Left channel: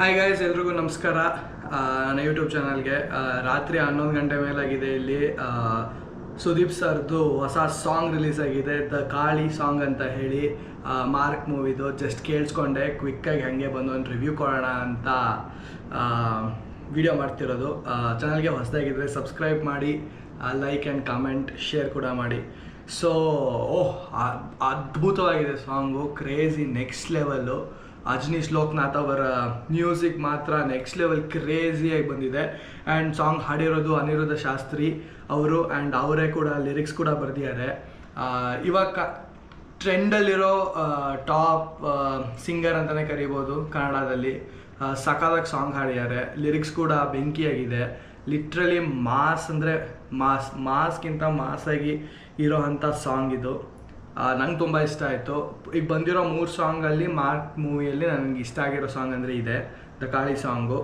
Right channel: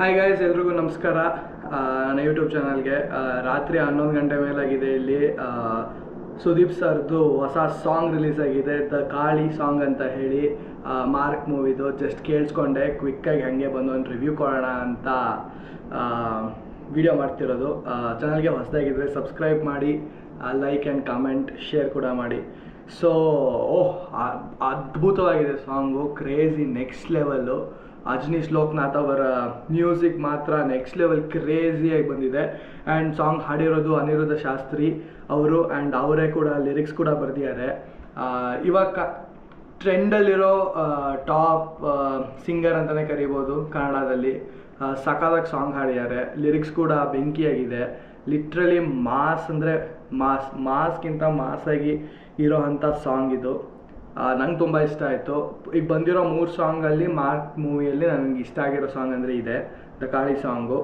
Hi guys, ಎಲ್ರಿಗೂ ನಮಸ್ಕಾರ. ನನ್ನ ಯೂಟ್ಯೂಬ್ ಚಾನಲ್ಗೆ ರಾತ್ರಿ 11 ಗಂಟೆ ಮೇಲಾಗಿದೆ. ಇಲ್ಲಿ ಸುದೀಪ್ ಸರ್ದು ಹೊಸ ಸಾಂಗ್ ರಿಲೀಸ್ ಆಗಿದೆ, ದ ಕಾಳಿ ಸಾಂಗ್ ಅಂತ ಹೇಳಿ. ಮಾರ್ಕ್ ಮೂವಿದು ಜಸ್ಟ್ ಕೇಳಿಸ್ಕೊಂಡೆ, ಕ್ವಿಕ್ಕಾಗಿ ಹಾಗೆ ಬಂದು ಒಂದು ರಿವ್ಯೂ ಕೊಡೋಣ ಅಂತ ವಿಡಿಯೋ ಮಾಡ್ತಿರೋದು. ಚಾನಲ್ಗೆ ಹೊಸದಾಗಿದ್ದರೆ ಸಬ್ಸ್ಕ್ರೈಬ್ ಮಾಡಿ, ಲೈಕ್ ಆ್ಯಂಡ್ ಕಾಮೆಂಟ್, ಶೇರ್ ಕೂಡ ಮಾಡಿ. ಸೊ ಅದ್ಭುತವಾಗಿದೆ song, crazy, next level. Ajaneesh Loknath ಅವರ ಮ್ಯೂಸಿಕ್ ಮಾತ್ರ ನೆಕ್ಸ್ಟ್ ಲೆವೆಲ್ ಕ್ರೇಜಿಯಾಗಿ ಬಂದಿದೆ. ಆ್ಯಂಡ್ ಸಾಂಗ್ ಹಾಡಿರೋದು ಅನಿರುದ್ಧ ಶಾಸ್ತ್ರಿ ಅವರು, ಆ್ಯಂಡ್ ಅವರೇ ಕೂಡ ಲಿರಿಕ್ಸ್ ಕೂಡ ಬರೆದಿದ್ದಾರೆ. ಇವಾಗ ಟ್ರೆಂಡಲ್ಲಿರೋ ಟಾಪ್ ಸಿಂಗರ್ ಅಂತಲೇ ಕರಿಬೋದು ಕನ್ನಡದಲ್ಲಿ. ಸಖತ್ತಾಗಿ ಸಾಂಗ್ ಹಾಡಿದ್ದಾರೆ, ಲಿರಿಕ್ಸ್ ಕೂಡ ಬೆಂಕಿಯಾಗಿದೆ. ಲಿಟ್ರಲಿ ಮಾಸ್ ಅಂದರೆ ಮಾಸ್ಗಿಂತ ಮಾಸಾಗಿ ಇರೋ ಅಂಥ ಸಾಂಗ್ ಇದು. ನಂಗೆ ತುಂಬ ಇಷ್ಟ ಆಯಿತು. ಈಗ ಬಂದಿರೋ 3 ಸಾಂಗಲ್ಲಿ ಮಾರ್ಕ್ ಮೂವಿಯಲ್ಲಿ ನನಗೆ ಇಷ್ಟ ಆಗಿರೋ ಸಾಂಗ್ ಅಂದರೆ ಇದೆ, the Kali song.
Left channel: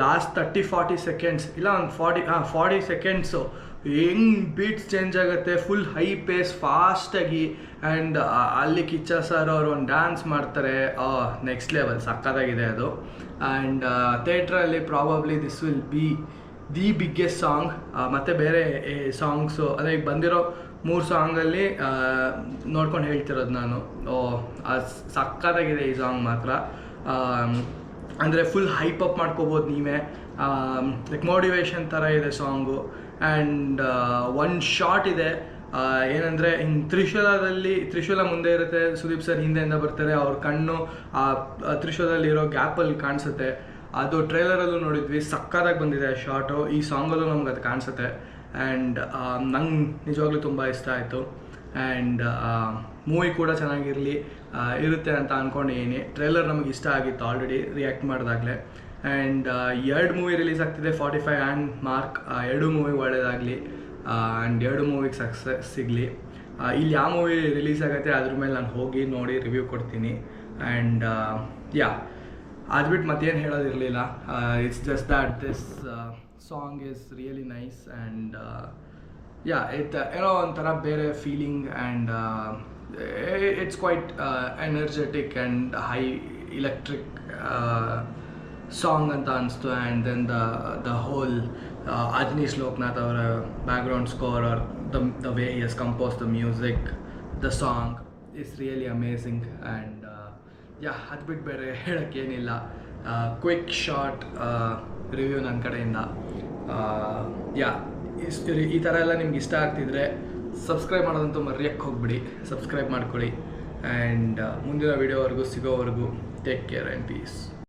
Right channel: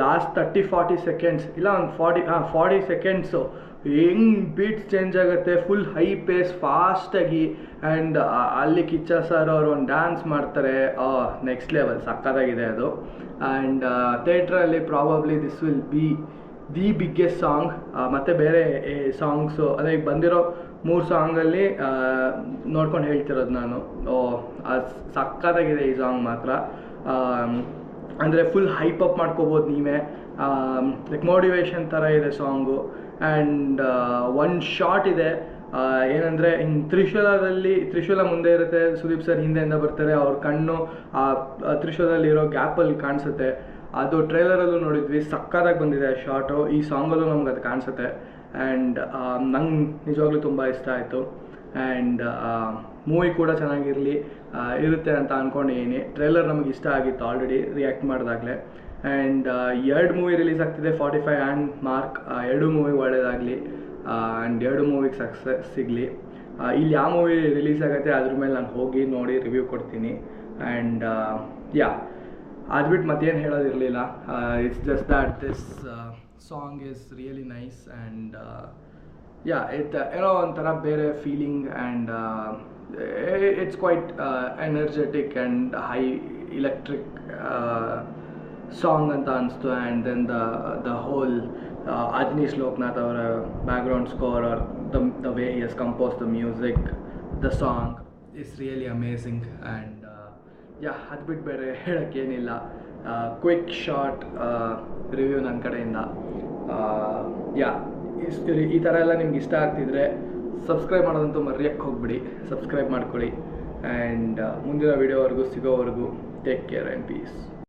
Last 30-40 seconds, ಇಲ್ಲ ಒಂದು 40 ಸೆಕೆಂಡ್ಸು ಹೆಂಗೆ ಬೀಟ್ಸ್ ಚೇಂಜ್ ಆಗುತ್ತೆ, ಫುಲ್ ಹೈ ಪೇಸ್ ಫಾಸ್ಟಾಗಿ. ಆ್ಯಂಡ್ ಅಲ್ಲಿ ಕಿಚ್ಚ ಸರ್ ಅವರು ಒಂದು ಡ್ಯಾನ್ಸ್ ಮಾಡ್ತಾರೆ, ನೆಕ್ಸ್ಟ್ ಲೆವೆಲ್, ಸಕ್ಕತ್ತಾಗಿದೆ ಅದು. ಆ್ಯಂಡ್ ಥಿಯೇಟ್ರಲ್ಲಿ probably this will be the biggest song. ಮತ್ತು ಬೇರೆ ಸಾಂಗ್ಸು ಅದೇ ಈಗ ಬಂದಿರೋ 3 ಸಾಂಗಲ್ಲಿ ನೋಡ್ಕೊಂಡು ಹೇಳ್ತಿರೋದು ನಾನು. ಸಕ್ಕತ್ತಾಗಿದೆ ಈ ಸಾಂಗ್ ಮಾತ್ರ. ಅಂದರೆ ಫುಲ್ ಹೈಪ್ ಅಪ್ ಮಾಡ್ಕೋಬೋದು ನೀವೇ, ಲೈಕ್ ಮೋಟಿವೇಶನ್ ಥರ ಇದೆ ಸಾಂಗು. ಆ್ಯಂಡ್ ಒಂದು ಶಾಟ್ ಇದೆ, ಏನಂದರೆ ಹಿಂಗೆ ತ್ರಿಶೂಲ ಮುಂದೆ ಇರುತ್ತೆ, ಸುದೀಪ್ ಸರ್ ಹಿಂದೆಯಿಂದ ಬರ್ತಾರೆ, ಅವ್ರ ಕಣ್ಣು ಆ ತ್ರಿಶೂಲದಲ್ಲಿರೋ ಗ್ಯಾಪಲ್ಲಿ ಕಾಣಿಸುತ್ತೆ. ಅದು ಟ್ರೈಲರಲ್ಲೂ ನೋಡಿದ್ವಿ, ಸಕ್ಕತ್ತಾಗಿ ಬಂದಿದೆ ಆ ಶಾಟು. ಈ ಸಾಂಗಲ್ಲೂ ನಮ್ಗೆ ಅದು ಕಾಣಿಸುತ್ತೆ. ಆ್ಯಂಡ್ ನಂಗೆ ನಿಜವಾಗ್ಲೂ ತುಂಬ ಇಷ್ಟ ಆಯಿತು. ಆ್ಯಂಡ್ ಮೂವಿ ಕೂಡ ಇರುತ್ತೆ ಅಂತ ಅಂದ್ಕೊಂಡಿದ್ದೀನಿ. ಟ್ರೈಲರ್ ನಮಗೆ ಇಷ್ಟ ಆಗಿತ್ತು ಆಲ್ರೆಡಿ ರಿಯಾಕ್ಟ್ ಮಾಡಿದಾಗಲೇ. ಆ್ಯಂಡ್ 2 ಮೂವಿ ರಿಲೀಸ್ ಆಗ್ತಿದೆ, 45 ಆ್ಯಂಡ್ ಮಾರ್ಕ್. 2 ಮೂವಿ ಒಳ್ಳೆಯದಾಗಲಿ, ಆ್ಯಂಡ್ 2 ಮೂವಿಗೆ ಸಕ್ಸಸ್ ಸಿಗಲಿ. ಇಲ್ಲಿ ಯಾವ ಮೂವಿ ರಿಲೀಸ್ ಆಗುತ್ತೆ ಅದ್ರ ಮೇಲೆ ನಾನು ಹೋಗಿ ನೋಡಿ ರಿವ್ಯೂ ಕೊಡ್ತೀನಿ. ಆ್ಯಂಡ್ ಅದು ಬಿಟ್ಟು ಮತ್ತೇನು ಹೇಳೋದಿರಲಿಲ್ಲ. It's just that this song is really nice. And ಏನೋ ಒಂಥರ ಬೇರೆ feeling. And it's quite energetic and high electric song ಅಂತ ಅನಿಸ್ತು. And then the whole Ajaneesh Loknath ಅವರ background score, or the way he has compose the music, the song is really amazing. And ಅದು ಬಿಟ್ಟು ಬೇರೆ ಹೇಳೋಕ್ಕೇನಿಲ್ಲ. Quick short review ನನ್ನ ಕಡೆಯಿಂದ. ಈ ಥರ ಎಲ್ಲ ನಿಮ್ಗೆ ಇಷ್ಟ ಆಗ್ತಿದ್ರೆ ಸಬ್ಸ್ಕ್ರೈಬ್ ಮಾಡೋದಂತೂ ಮರೆಯೋಕ್ಕೆ ಹೋಗ್ಬಿಡಿ, ಸಬ್ಸ್ಕ್ರೈಬ್ ಮಾಡ್ಕೊಳ್ಳಿ. ಆ್ಯಂಡ್ ಮುಂದಿನ ವೀಡಿಯೋವರೆಗೂ ಸಿಗೋವರೆಗೂ ಟೇಕ್ ಕೇರ್ ಆ್ಯಂಡ್ ಪೀಸ್.